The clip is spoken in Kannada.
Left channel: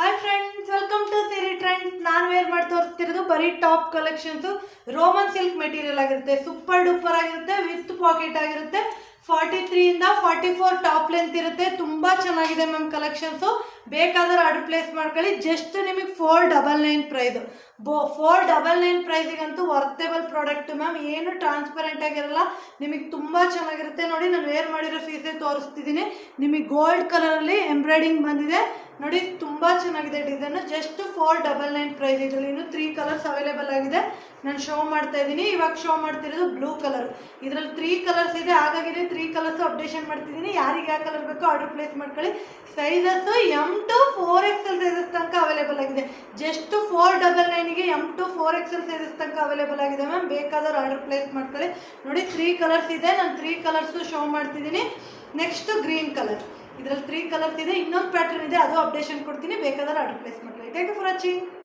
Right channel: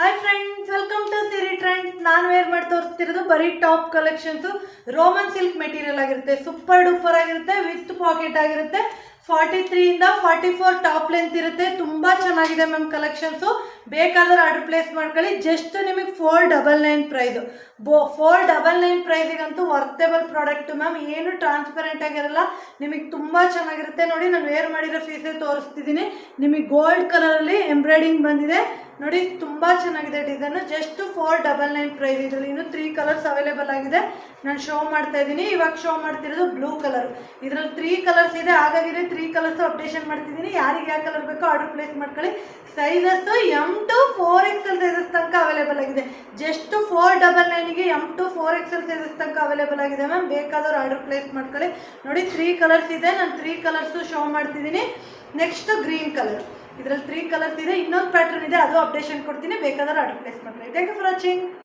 Hi friends, welcome to Siri Trends. ನಾನು ವೇರ್ ಮಾಡಿ ತೋರಿಸ್ತಿರೋದು ಬರೀ top collections. Roman silk material ಆಗಿರುತ್ತೆ, ಸೂಪರ್ ಡೂಪರ್ ಆಗಿರುತ್ತೆ, ವಿತ್ ಪಾಕೆಟ್ ಆಗಿರುತ್ತೆ. 43 ಇಂದ 44 ಟಾಪ್ ಲೆಂತ್ ಇರುತ್ತೆ. ತುಂಬಾ ಚೆನ್ನಾಗಿದೆ ಮ್ಯಾಮ್ ಕಲೆಕ್ಷನ್ಸ್. ಬೇಕಾದ್ರೆ ಆರ್ಡರ್ ಪ್ಲೇಸ್ ಮಾಡ್ಕೊಳ್ಳಿ. ಜಸ್ಟ್ ನಿಮಗೆ 499 ಪ್ರೈಸ್. 499 ಪ್ರೈಸಿಗಂತೂ ವರ್ತೆಬಲ್ ಪ್ರಾಡಕ್ಟ್ ಮ್ಯಾಮ್. ಏನು ಟ್ರಾನ್ಸ್ಪರೆಂಟ್ ಆಗಿರಲ್ಲ, ನಿಮಗೆ ತುಂಬಾ ಚೆನ್ನಾಗಿರುತ್ತೆ. ನೋಡಿ, ನಾನು ವೇರ್ ಮಾಡಿರೋ ಪೀಸೇ ತೋರಿಸ್ತಿದ್ದೀನಿ. ನಿಮಗೆ ಗೋಲ್ಡ್ ಕಲರ್ ಅಲ್ಲಿ ಎಂಬ್ರಾಯ್ಡಿಂಗ್ ಬಂದಿದೆ ನೋಡಿ, ತುಂಬಾ ಚೆನ್ನಾಗಿದೆ ಡಿಸೈನ್. Just 499 price. ಇದರಲ್ಲಿ ಇನ್ನು 3 ಕಲರ್ಸ್ ಅವೈಲೇಬಲ್ ಆಗಿದೆ. ನಾನು ಶೋ ಮಾಡ್ತಾ ಇದ್ದೀನಿ. ಇವಾಗ ಶೋ ಮಾಡ್ತಿರೋದು ಬ್ಲೂ ಕಲರ್. ಇದರಲ್ಲಿ 3 ಕಲರ್ಸ್ ಇದೆ, ಹಾಗಾಗಿದೆ 3 ಕಲರ್ಸ್ ಅಪ್ಡೇಷನ್ ಮಾಡ್ತಿದ್ದೀನಿ. ಯಾರಿಗೆ ಯಾವ ಕಲರ್ ಬೇಕೋ ಆರ್ಡರ್ ಪ್ಲೇಸ್ ಮಾಡ್ಕೊಳ್ಳಿ. Sizes M to 4XL sizes ತನಕ ಅವೈಲೇಬಲ್ ಆಗಿದೆ. ಜಸ್ಟ್ 499ಗೆ M to 4XL ಸೈಜಸ್ ತನಕ ಅವೈಲೇಬಲ್ ಆಗಿದೆ ಮ್ಯಾಮ್. ಬೇಕಾದವ್ರು ಆರ್ಡರ್ ಪ್ಲೇಸ್ ಮಾಡ್ಕೊಳ್ಳಿ. ನೋಡಿ, 3 ಕಲರ್ಸ್ ಇದೆ. ನಾನು 3 ಕಲರ್ಸ್ ಶೋ ಮಾಡ್ತಿದ್ದೀನಿ. Next green colour. ಇದರಲ್ಲಿ 3 ಕಲರ್ಸ್ ಇದೆ. ಇನ್ನೊಂದು ಪ್ಯಾಟರ್ನ್ ಇದೆ, ಅದು ಅಪ್ಡೇಷನ್ ಕೊಡ್ತೀನಿ. ಬೇಕಾದ್ರೆ ಆರ್ಡರ್ ಪ್ಲೇಸ್ ಮಾಡ್ಕೊಳ್ಳಿ. Thank you for watching.